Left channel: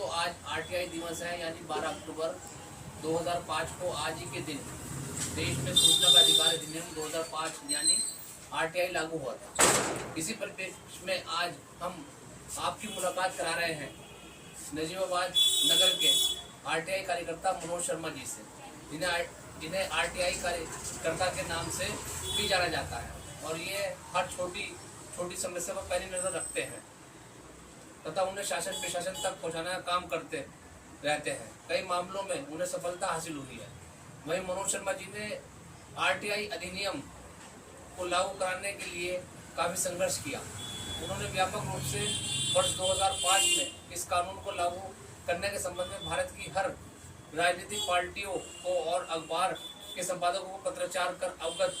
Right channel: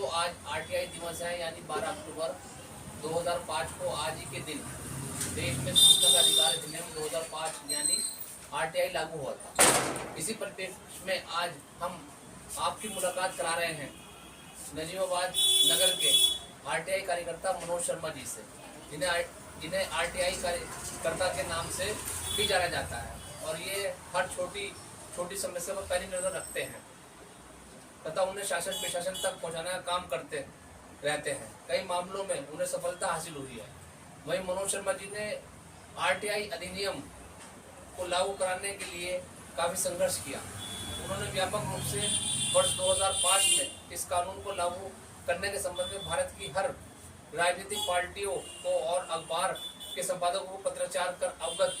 दोस्तों, आज आरटीआई दिवस है, यानी 12 अक्टूबर 2005 को आज ही के दिन देश में सूचना का अधिकार अधिनियम 2005 यानी आरटीआई लागू हुआ था। इसी परिप्रेक्ष्य में आज हम आपकी मुलाकात करा रहे हैं नजीबाबाद नगर के आरटीआई कार्यकर्ता मनोज शर्मा जी से, जिन्हें आरटीआई कार्यकर्ता के नाम से भी जाना जाता है, और ये हर छोटी समस्या पर पैनी नजर रखते हैं तथा उन्हें शासन प्रशासन तक पहुंचाने का काम करते रहते हैं। कई मामलों में उन्हें सफलता हासिल हुई है। वहीं मनोज शर्मा जी ने आरटीआई अधिनियम को लागू कराने के लिए काफी संघर्ष किया। उन्होंने व्यापक रूप से वर्ष 2005 में इस कानून को लागू करने के संबंध में भारत की हर राजनीतिक पार्टियों को और अखबार के संपादकों को पत्राचार कर अवगत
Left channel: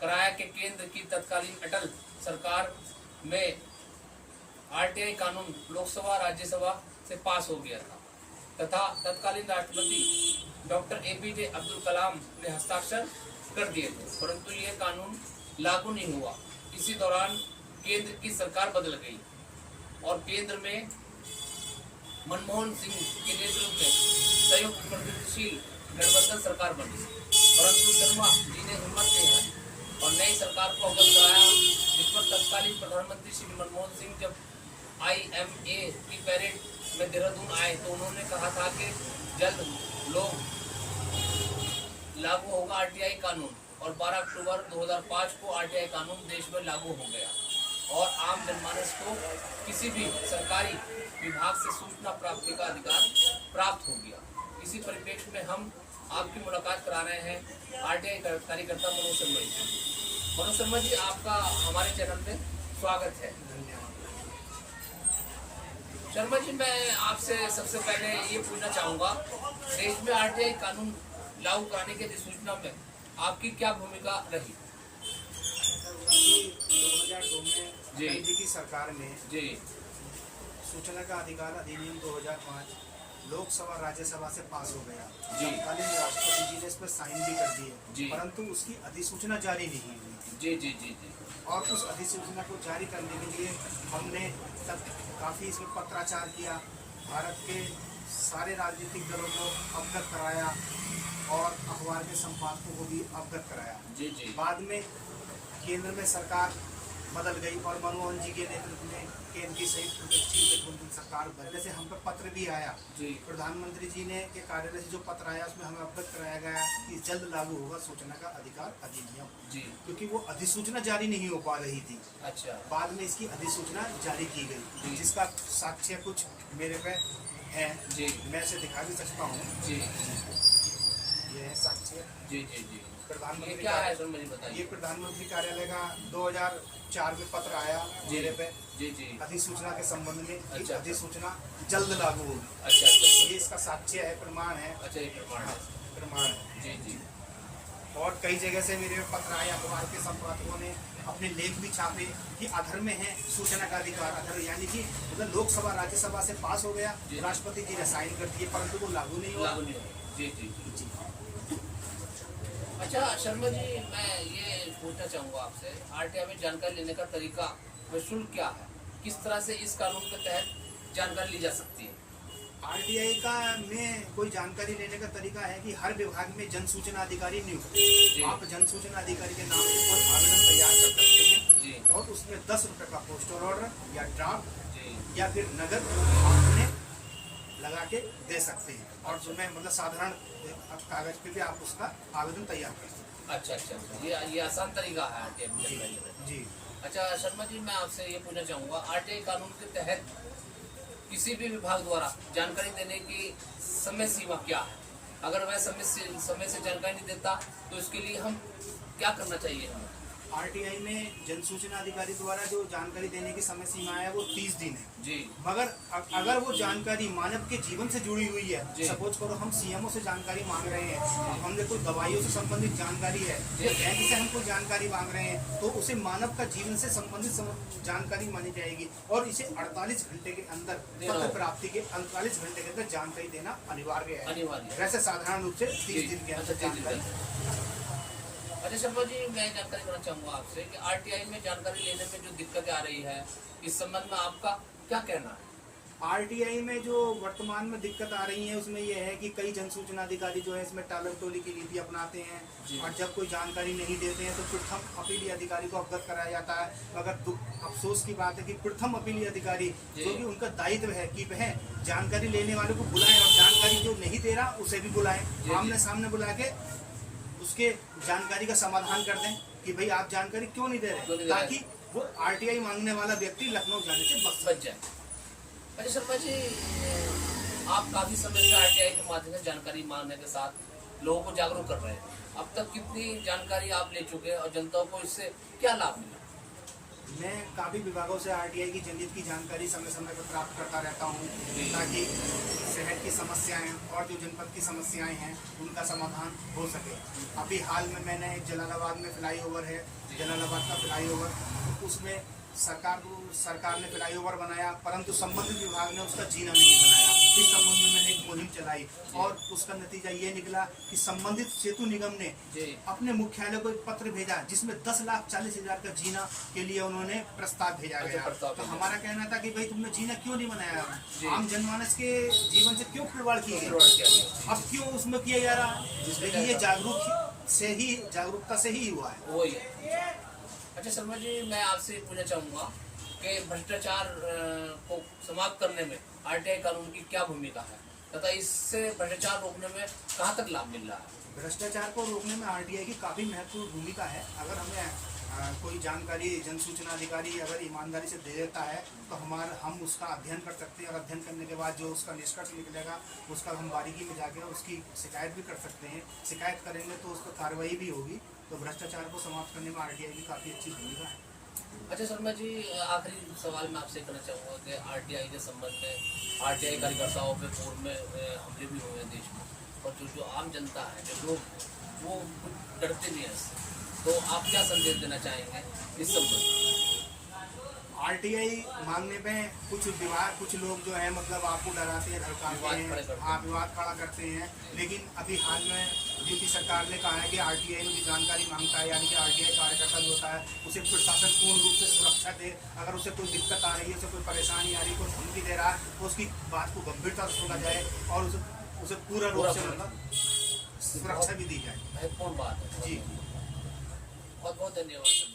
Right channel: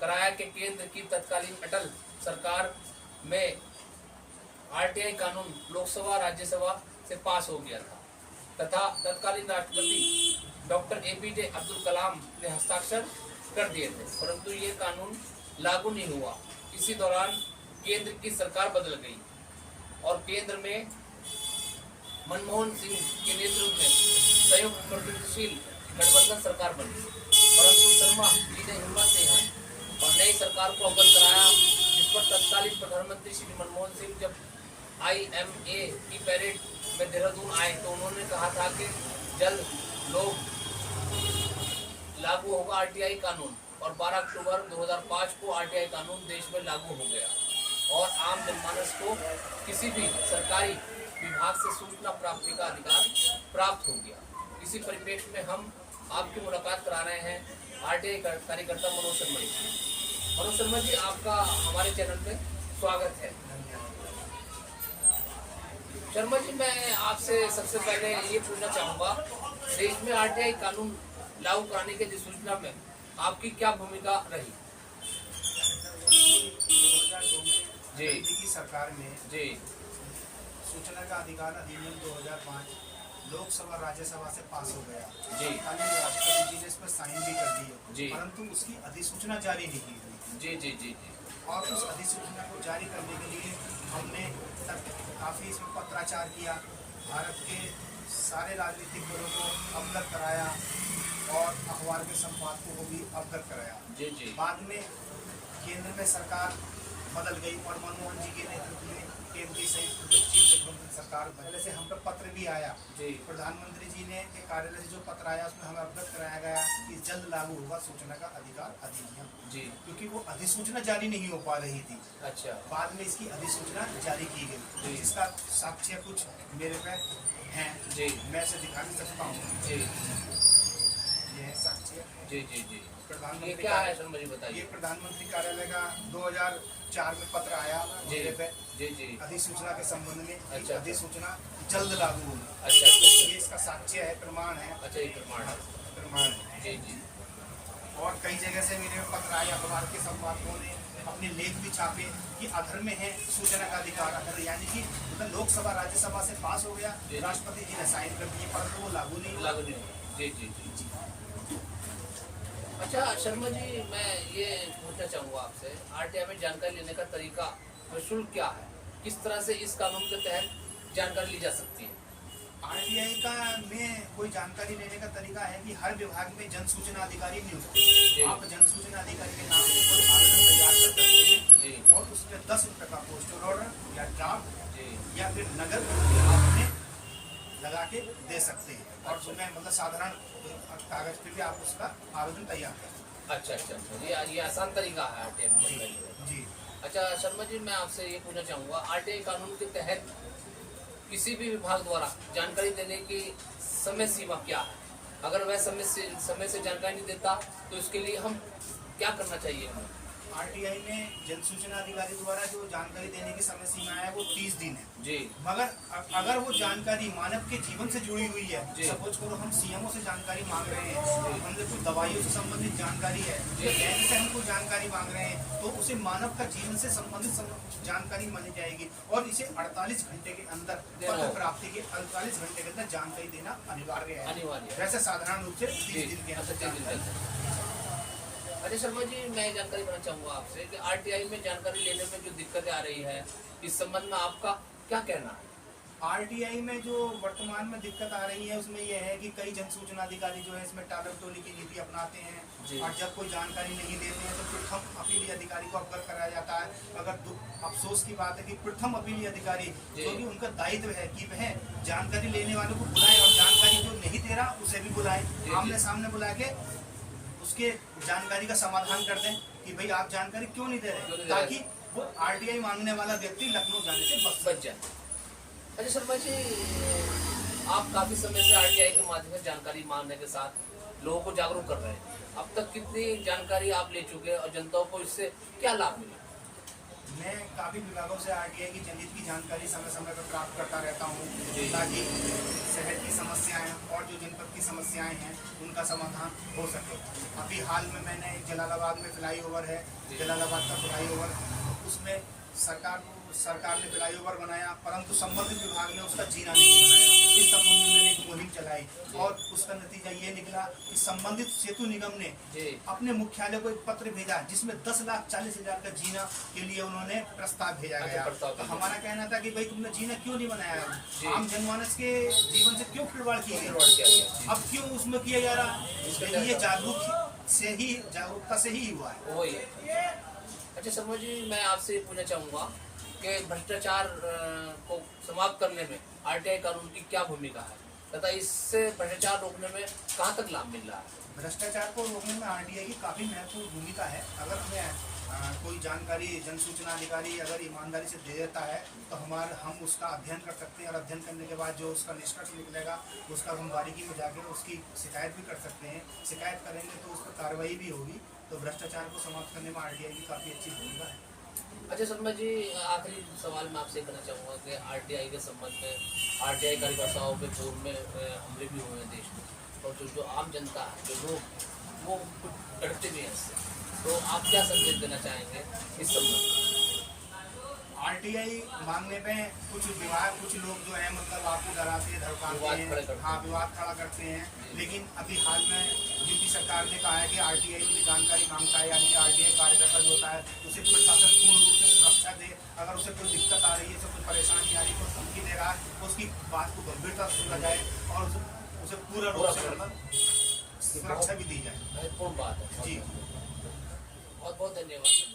कराया कि केंद्र की तत्कालीन अटल सरकार में आरटीआई कानून लोकसभा राज्यसभा से पास हो गया था तथा तत्कालीन राष्ट्रपति डॉक्टर एपीजे अब्दुल कलाम ने हस्ताक्षर कर दिए थे, परंतु ये कानून लागू नहीं हुआ। इसी दौरान केंद्र की सरकार बदल गई और केंद्र में मनमोहन सिंह के नेतृत्व में संयुक्त प्रगतिशील गठबंधन सरकार बनी, परंतु शर्मा जी ने हिम्मत नहीं हारी और नई सरकार को अवगत कराया, जिस पर तत्कालीन प्रधानमंत्री श्री मनमोहन सिंह जब IMA की पैरेड में देहरादून आए तो उन्होंने कहा था कि जल्द लागू होगा आरटीआई कानून, और 12 अक्टूबर 2005 को आरटीआई कानून देश में लागू हो गया और आम जनमानस को किसी भी सरकारी विभाग से सूचना प्राप्ति का अधिकार प्राप्त हो गया। इसी परिप्रेक्ष्य में हम आपकी मुलाकात करा रहे हैं आरटीआई कार्यकर्ता मनोज शर्मा जी। मनोज शर्मा जी, आपका हमारे चैनल में स्वागत है। शर्मा जी, मैं आपसे सबसे पहले ये पूछना चाहूँगा, देश में आरटीआई कानून लागू कराने की अधिसूचना में आपकी क्या भूमिका रही? 2002 में मोदी की सरकार ने जी सूचना का अधिकार अधिनियम 2005 लोकसभा राज्यसभा से पास हो गया। जी राष्ट्रपति जी ने इस पर साइन भी कर जी। दिए, परंतु उसकी अधिसूचना जारी नहीं हुई थी। जी जी जी जी और उस अधिसूचना को जारी करने के लिए हमने काफी इसमें पत्राचार किया, भारत के सारे राजनीतिक दलों को अवगत कराया और अखबार के संपादकों को भी अवगत कराया। जी जी बाद में केंद्र में सरकार बदल गई और मनमोहन जी के नेतृत्व में केंद्र की संयुक्त प्रगतिशील गठबंधन सरकार बदलने से हम पर पत्र भी आया। जी प्रधानमंत्री जी ने के कार्यालय से जो पत्र आया उसमें हमें अवगत कराया गया कि जल्द लागू होगा सूचना का अधिकार अधिनियम, जी, क्योंकि वो अधिसूचना जारी नहीं हो पा रही थी। अच्छा, बाद में इसकी अधिसूचना जारी की गई, जिसका साक्ष्य कुछ मेरे पे है। जी, मैं इसे दिखा भी सकता हूँ। जी, ये है साक्ष्य। जी जी जी प्रधानमंत्री क्या है सर, मुझे बताइए। ये प्रधानमंत्री कार्यालय का 2004 में पत्र आया मेरे पे जी जी अधिसूचना के संबंध में। अच्छा, अधिसूचना जल्द लागू होगी। अच्छा अच्छा, ये इसका साक्ष्य है, प्रमाण है। अच्छा, ये प्रमाण है। प्रमाण है। जी जी और कई जगह से मेरे पत्र आए, अखबार के संपादकों ने अपने लेख भी छापे कि अधर में है सूचना का अधिकार। अधर यानी कि मतलब लोकसभा राज्यसभा से पास हो गया, राष्ट्रपति जी ने साइन कर दिए, परंतु वो लागू नहीं हुआ। जी जी जी। अच्छा शर्मा जी, मैं ये पूछना चाहूँगा आपसे, आरटीआई में जानकारी लेने का तरीका शुल्क क्या है? किस तरह से इस कानून के तहत जानकारी ली जा सकती है? आरटीआई का में कोई जानकारी लेने का तरीका है कि हर विभाग में जन सूचना अधिकारी नियुक्त है। आप जन सूचना अधिकारी के नाम से कोई आवेदन तैयार कर सकते हैं जी, और उसमें 10 रुपए का पोस्टल ऑर्डर या ड्राफ्ट जी, या फिर नगद आप में लगा के दे सकते हैं, और उसमें मतलब साधारण कागज पे भी आप उसका आवेदन तैयार कर सकते हैं। अच्छा अच्छा, ये आसान तरीका है आरटीआई में जानकारी लेने। जी। अच्छा शर्मा जी, मैं आपसे ये पूछना चाहूँगा, आरटीआई कानून के तहत किसी भी विभाग द्वारा जानकारी देने की समय सीमा क्या है? अगर वह समय से जानकारी नहीं देता तो इसके लिए हम क्या करना चाहिए हमें? आरटीआई में जन सूचना अधिकारी द्वारा जो जानकारी देने की समय सीमा है वो 30 दिन है जी, मगर अगर वो जानकारी मानव के जीवन से जुड़ी हुई है, जी, सपोज करो हम सीएमओ से जानकारी मांग रहे हैं, हमने कोई दवाइयों से संबंधित जानकारी है या बैंक से हम कोई जानकारी मांग रहे हैं, तो उसे मानव का जीवन से संबंधित जानकारी मानी जाएगी और इसे 48 घंटे के अंदर पत्र प्राप्ति के 48 घंटे के अंदर जानकारी देना अनिवार्य है। वैसे साधारण रूप से 30 दिन के अंदर। अच्छा शर्मा जी, मैं जानकारी करना चाहूँगा आपसे कि आरटीआई में जानकारी लेने में जो दिक्कतें आ रही है, इस संबंध में आपका क्या कहना है? आरटीआई में जो वर्तमान में दिक्कत आ रही है उसमें यह है कि कई जन सूचना अधिकारी जो है इसमें टालम टोली की नीति अपनाते हैं जी। और जब कोई जानकारी नहीं देते हैं तो प्रथम अपीली अधिकारी को अवगत कराया जाता है। मगर अफसोस की बात है कि प्रथम अपीली अधिकारी जी। जो कि उनका दायित्व है कि वह जानकारी लेने वालों को बुलाएं और जानकारी जो नहीं दे रहा उसे भी बुलाएं, जी। आमने सामने बुला के उसके जानकारी का समाधान कर दें कि भाई आप जानकारी क्यों नहीं दे क्यों रहे, नहीं दे रहे? ताकि वो आरटीआई मांगने वाला व्यक्ति लखनऊ जाने से बच सके। बच जाए। अच्छा शर्मा जी, आप काफी समय से आरटीआई के माध्यम से जानकारी मांगने के साथ लोगों को जागरूक कर रहे हैं। अब तक कितनी जानकारी आप ले चुके हैं और जनता को इससे क्या लाभ मिला? मैं काफी विभागों से आरटीआई की जनहित की जानकारी समय समय पर प्राप्त करता रहता हूँ जी। ताकि शहर की समस्याएं और जो जनपद की समस्याएं हैं उनका समाधान हो सके। अभी हाल में मैंने जलालाबाद में फ्लाईओवर है, जलालाबाद का फ्लाईओवर, उसमें सरकार ने फ्लाईओवर बनाया परंतु संबंधित विभाग ने उसका जीना नहीं बनाया। इस संबंध में मैंने एक मुहिम चलाई और उसका नतीजा ये निकला कि संबंधित सेतु निगम ने जी। अपने मुख्यालय को एक पत्र भेजा जिसमें 10,40,000 का जीना के लिए उन्होंने प्रस्ताव भेजा अच्छा, गया। प्रस्ताव तो भेजा। हमारा कहना था कि भाई तुमने जीना क्यों नहीं जी। बनाया, आम जनमानस के जीवन से क्यों खिलवाड़ किया खिलवाड़ किया गया, गया। अब क्यों उसमें किया जा रहा। इसका लेकिन ये क्या जागरूकता से ही हुआ है। वही है। अच्छा शर्मा जी, मैं आपसे पूछना चाहूंगा कि भ्रष्टाचार को समाप्त करने में आरटीआई कानून की क्या भूमिका है तथा इससे भ्रष्टाचार रोकने में कहाँ तक लाभ मिल रहा है? भ्रष्टाचार को रोकने में आरटीआई की काफी महत्वपूर्ण भूमिका है। अगर हमें कोई जानकारी जन सूचना अधिकारी अगर ईमानदारी से दे देता है तो हम उसका अध्ययन कर सकते हैं और अध्ययन करने के बाद जो उसका निष्कर्ष निकलेगा उसका हम बारीकी में जाकर उसकी शिकायत भी कर सकते हैं। शिकायत करेंगे तो उस पर कार्रवाई भी होगी। तो भ्रष्टाचार को समाप्त करने में आरटीआई की काफी अच्छी भूमिका है। अच्छा शर्मा जी, आखिरी सवाल मैं आपसे करना चाहूँगा कि आरटीआई के संबंध में आरटीआई कार्यकर्ताओं पे पूर्व में हमले भी हुए हैं देश में, और जो आम जनता है, जो लोग हैं, वो कुछ डरते नहीं हैं इससे, तो आप क्या संदेश देना चाहेंगे इस संबंध में? आरटीआई मांगने पे कुछ लोग जो है मतलब आपको डराते हैं, धमकाते विवाद खड़े करते हैं, हैं। हाँ विवाद खड़ा करते हैं। लेकिन अभी हाल में यूपी सरकार ने कहा है कि आरटीआई में जो जानकारी मांगता है यानी कि आरटीआई कार्यकर्ता जो होता है उसे प्रशासन पूर्ण रूप से सुरक्षा दे। अगर उसे कोई दिक्कत आ रही है, उसे कोई परेशानी आ रही है, कोई धमकी दे रहा है तो उसकी बात को गंभीरता से सुना जाए और उसे पूरा रूप से मतलब सुरक्षा भी दी जाए। महत्वपूर्ण बात है जी। बहुत बहुत धन्यवाद।